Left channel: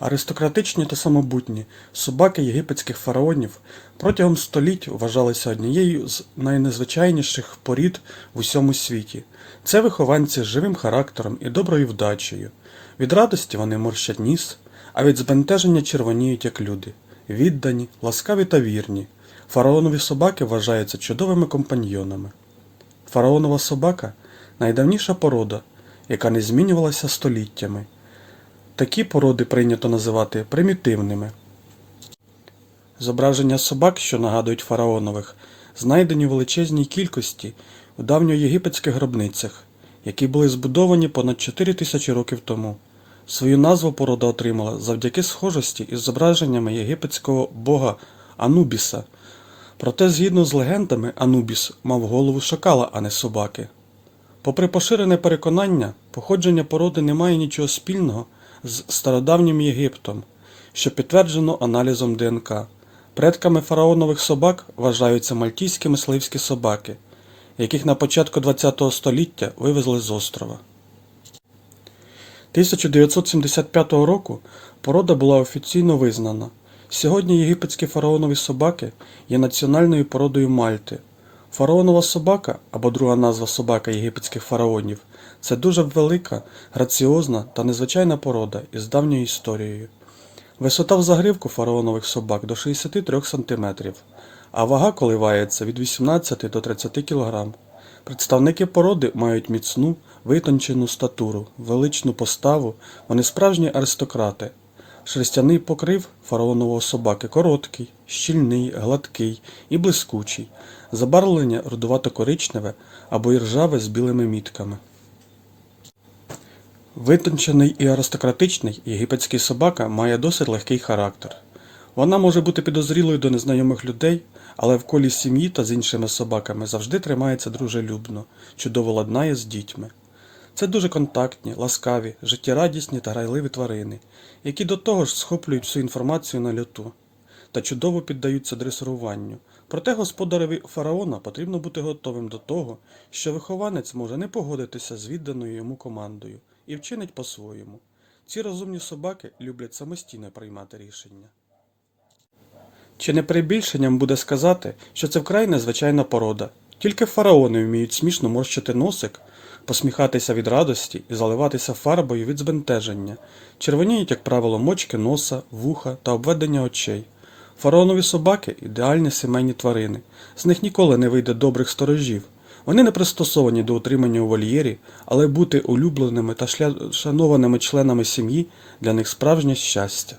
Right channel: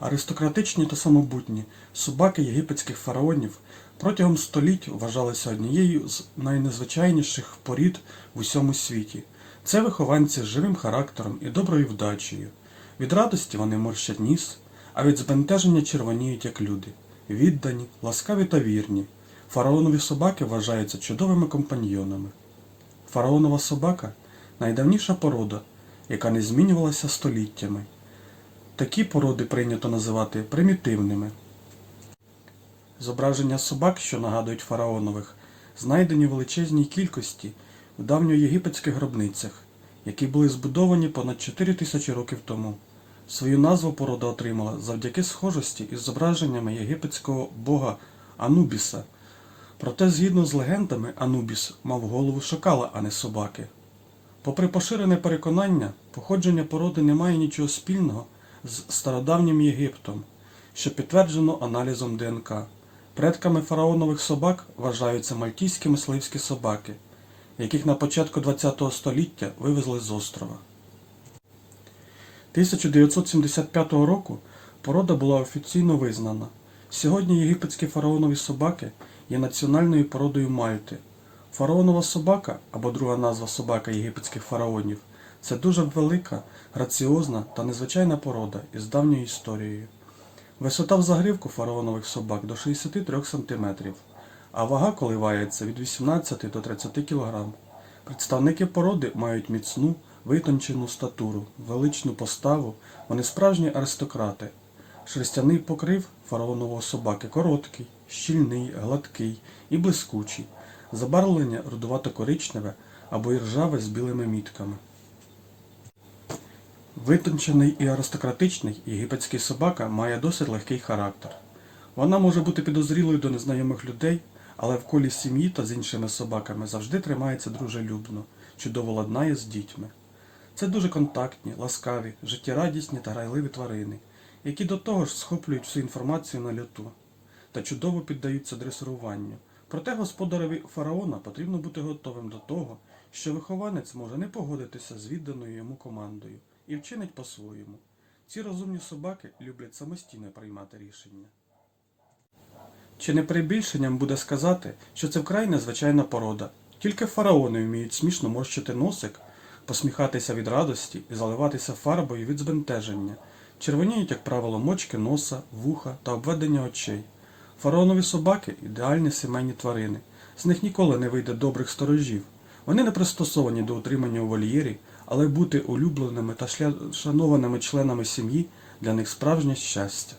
Аристократичні та самобутні собаки єгипетських фараонів протягом століть вважалися однією з найнезвичайніших порід в усьому світі. Це вихованці з живим характером і доброю вдачею. Від радості вони морщать ніс, а від збентеження червоніють як люди. Віддані, ласкаві та вірні. Фараонові собаки вважаються чудовими компаньйонами. Фараонова собака найдавніша порода, яка не змінювалася століттями. Такі породи прийнято називати примітивними. Зображення собак, що нагадують фараонових, знайдені в величезній кількості в давньоєгипетських гробницях, які були збудовані понад 4 тисячі років тому. Свою назву порода отримала завдяки схожості із зображеннями єгипетського бога Анубіса. Проте, згідно з легендами, Анубіс мав голову шакала, а не собаки. Попри поширене переконання, походження породи не має нічого спільного з стародавнім Єгиптом, що підтверджено аналізом ДНК. Предками фараонових собак вважаються мальтійські мисливські собаки, яких на початку ХХ століття вивезли з острова. 1975 року порода була офіційно визнана. Сьогодні єгипетські фараонові собаки є національною породою Мальти. Фараонова собака, або друга назва собака єгипетських фараонів, це дуже велика, граціозна та незвичайна порода із давньою історією. Висота в загривку фараонових собак до 63 см, а вага коливається від 18 до 30 кг. Представники породи мають міцну, витончену статуру, величну поставу, вони справжні аристократи. Шерстяний покрив фараонового собаки короткий, щільний, гладкий і блискучий, забарвлення рудувато-коричневе або іржаве з білими мітками. Витончений і аристократичний єгипетський собака має досить легкий характер. Вона може бути підозрілою до незнайомих людей, але в колі сім'ї та з іншими собаками завжди тримається дружелюбно, чудово ладнає з дітьми. Це дуже контактні, ласкаві, життєрадісні та грайливі тварини, які до того ж схоплюють всю інформацію на льоту та чудово піддаються дресируванню. Проте господареві фараона потрібно бути готовим до того, що вихованець може не погодитися з відданою йому командою і вчинить по-своєму. Ці розумні собаки люблять самостійно приймати рішення. Чи не перебільшенням буде сказати, що це вкрай незвичайна порода. Тільки фараони вміють смішно морщити носик, посміхатися від радості і заливатися фарбою від збентеження. Червоніють, як правило, мочки носа, вуха та обведення очей. Фараонові собаки ідеальні сімейні тварини. З них ніколи не вийде добрих сторожів. Вони не пристосовані до утримання у вольєрі, але бути улюбленими та шанованими членами сім'ї для них справжнє щастя.